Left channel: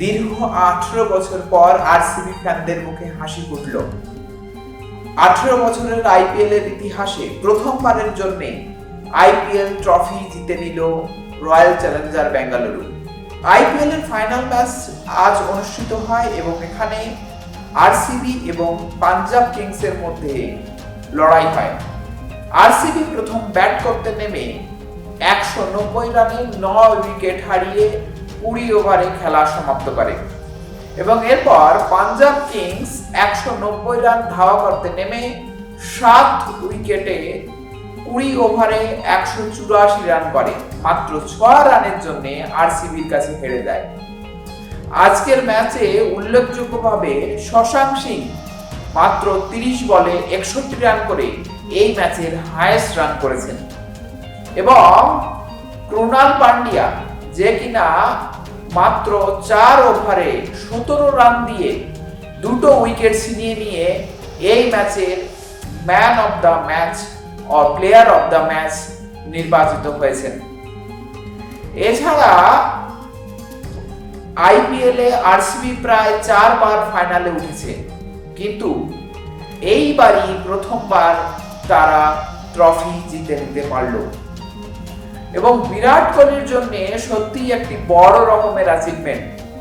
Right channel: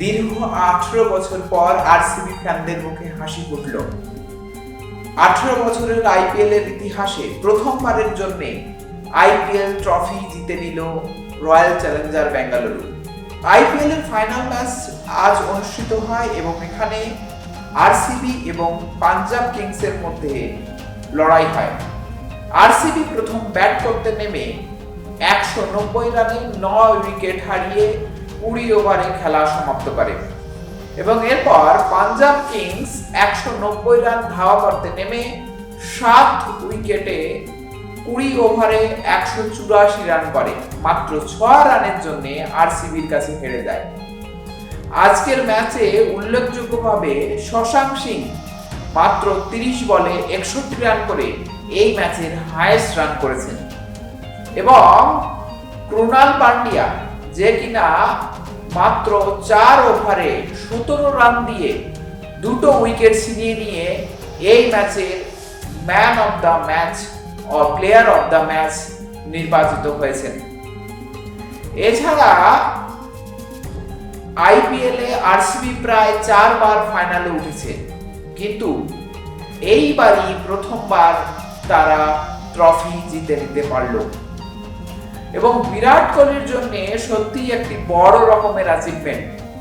দীর্ঘ 18 বছর পর আরসিবি ফ্যানদের মুখে হাসি ফুটল। 18 বছরের আইপিএল এর ইতিহাসে প্রথমবারের জন্য আইপিএল ট্রফি জিতে নিল রয়্যাল চ্যালেঞ্জার বেঙ্গালুরু। আইপিএল এর ফাইনাল ম্যাচ আজ অনুষ্ঠিত হয় এবং এখানে আরসিবি এবং পাঞ্জাব কিংসের মধ্যে লড়াই হয়। আরসিবি প্রথম ব্যাট করতে নেমে 190 রানে 9 উইকেট হারিয়ে 20 ওভারে খেলা সমাপ্ত করে এবং এরপর পাঞ্জাব কিংস 190 রান ধাওয়া করতে নেমে 7 উইকেটে 20 ওভারে 184 রান করে মাত্র 6 রানের জন্য আরসিবির কাছে হেরে যায়। আজকের ম্যাচে উল্লেখযোগ্যভাবে শশাঙ্ক সিং মাত্র 30 বলে 61 রান করে এই ম্যাচের হাইয়েস্ট রান করেছেন এবং ক্রুনাল পান্ডিয়া যে কিনা মাত্র 4 ওভারে 17 রান দিয়ে 2 উইকেট ছিনিয়ে নিয়ে এই ম্যাচের ম্যান অফ দ্য ম্যাচ ও প্লেয়ার অফ দ্য ম্যাচ নির্বাচিত হয়েছেন। এছাড়া আইপিএলে আরসিবি প্রায় 4 বার ফাইনালে উঠেছে, কিন্তু এইবারই প্রথমবার তারা ট্রফি জিতে নিতে পারল এবং বিরাট কোহলির জন্য সত্যি একটি বড় রকমের অ্যাচিভমেন্ট।